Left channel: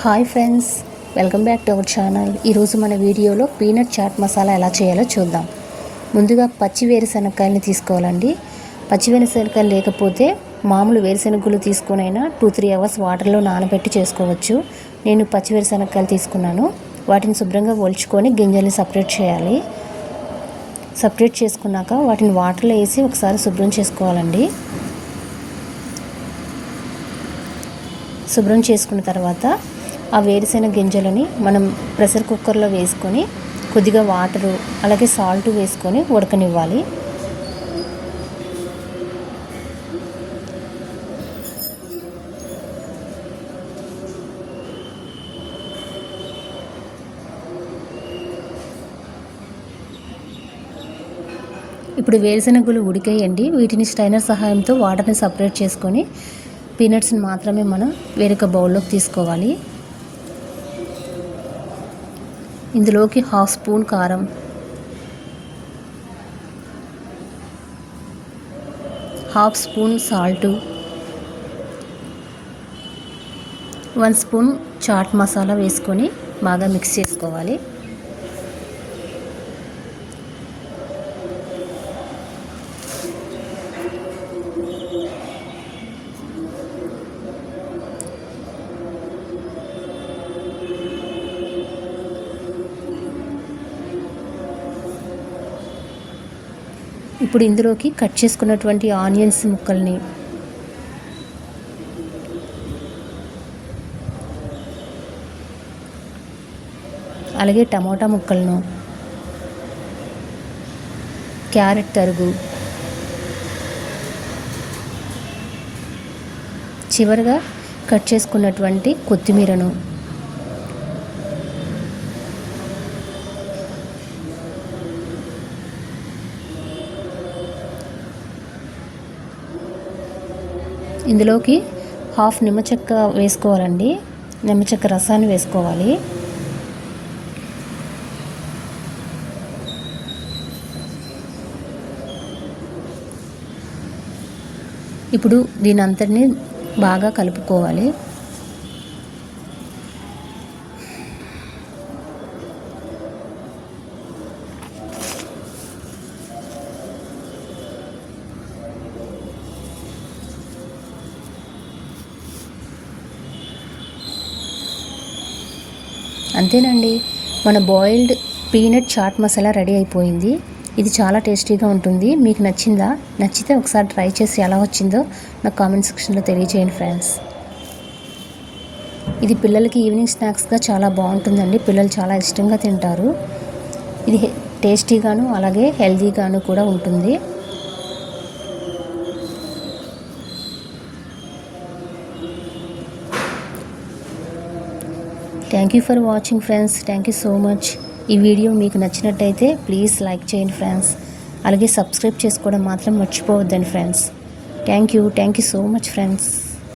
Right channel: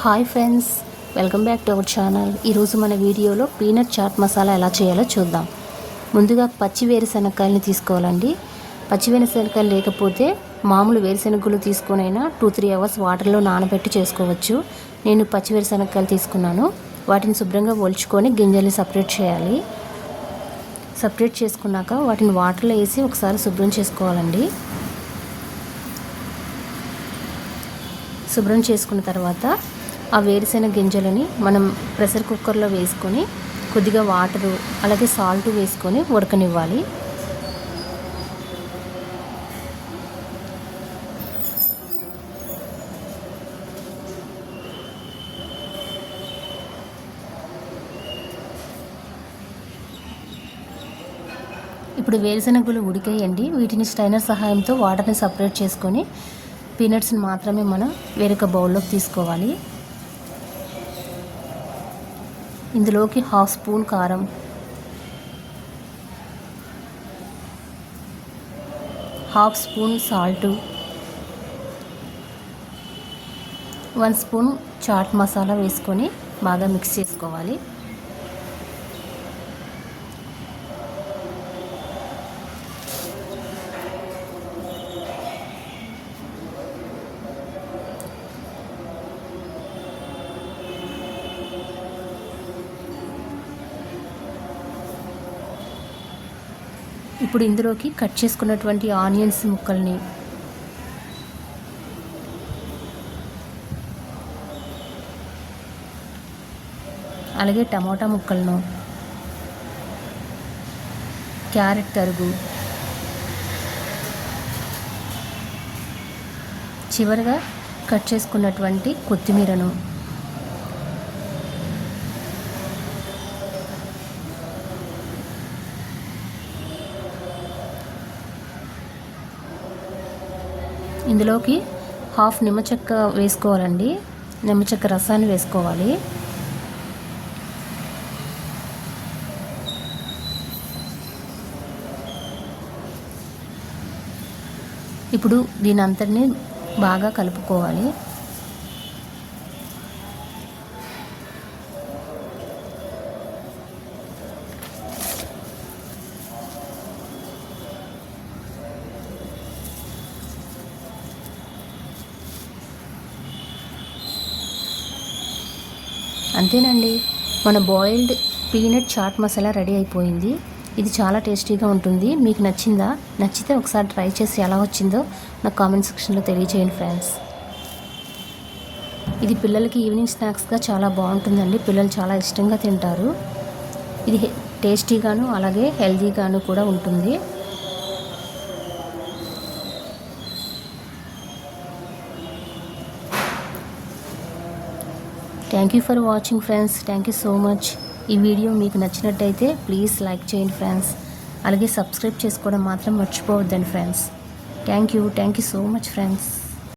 Hi friends, welcome back to our channel. ఈరోజు మన వీడియోలో పీనట్ చాట్ మసాలా ఎలా చేయాలో చూద్దాం. ముందుగా పచ్చి వేరుశనగకాయలని తీసుకోవాలండి. పచ్చి వేరుశనగకాయలు లేకపోతే మామూలు వేరుశనగలు తీసుకునైనా 2-3 అవర్స్ వాటర్లో నానబెట్టి చేసుకోవచ్చు. నేను పచ్చి వేరుశనగకాయలు తీసుకున్నాను. వాటిని శుభ్రంగా ఒలుచుకొని గింజల్ని సపరేట్ చేయాలి. సపరేట్ చేసుకున్నాక వాటిని వాటర్లో వేసి ఒకసారి శుభ్రం చేసుకోవాలండి. శుభ్రం చేసుకున్న తర్వాత ఆ వేరుశెనగ గింజలని మనం ప్రెషర్ కుక్కర్లో వేసుకొని కొద్దిగా వాటరు అలాగే సాల్ట్ వేసుకొని ఉడకనివ్వాలి. ఇప్పుడు వేరుశెనగలు ఉడికేయండి. వీటిని స్ట్రైనర్ సహాయంతో వాటర్ని సపరేట్ చేసుకొని పీనట్స్ని మాత్రమే మనం వేరొక బౌల్లోకి తీసుకోవాలి. ఇందులోకి 1/2 స్పూన్ కారం, 1/2 spoon salt, 1 spoon chaat masala వేసుకొని బాగా మిక్స్ చేసుకోవాలి. ఇప్పుడు ఇందులోకి కట్ చేసుకున్నటువంటి ఆనియన్స్ ముక్కల్ని, అలాగే టమోటా ముక్కలను, క్యారెట్ తరుగు, చివరిగా కట్ చేసుకున్నటువంటి కొత్తిమీరను, ఇందులోకి 1/2 నిమ్మచెక్క వేసుకోవాలండి. నిమ్మచెక్క రసాన్ని వేసుకోవాలి. ఇప్పుడు దీని అంతటిని బాగా కలుపుకోవాలి. అంతేనండి, మన boiled peanut chaat masala ready అయిపోయింది. ఇది చాలా టేస్టీగా ఉంటుంది. మీకు నచ్చిందా? నచ్చితే ఒకసారి ట్రై చేసి ఎలా వచ్చిందో నాకు కామెంట్ సెక్షన్లో తెలియజేయండి ఫ్రెండ్స్. ఇది పిల్లలకి ఈవినింగ్ స్నాక్స్గా చాలా బాగుంటుందండి. పిల్లలు చాలా ఇష్టంగా తింటారు. ఇది టేస్టీగాను అలాగే హెల్తీగాను కూడా ఉంటుంది. Thank you for watching friends. Thank you so much. ఈ వీడియో మీకు నచ్చినట్టయితే ప్లీజ్ లైక్ చేయండి ఫ్రెండ్స్. అలాగే సబ్స్క్రైబ్ చేసుకోవడం మాత్రం మర్చిపోవద్దండి friends. Thank you so much friends.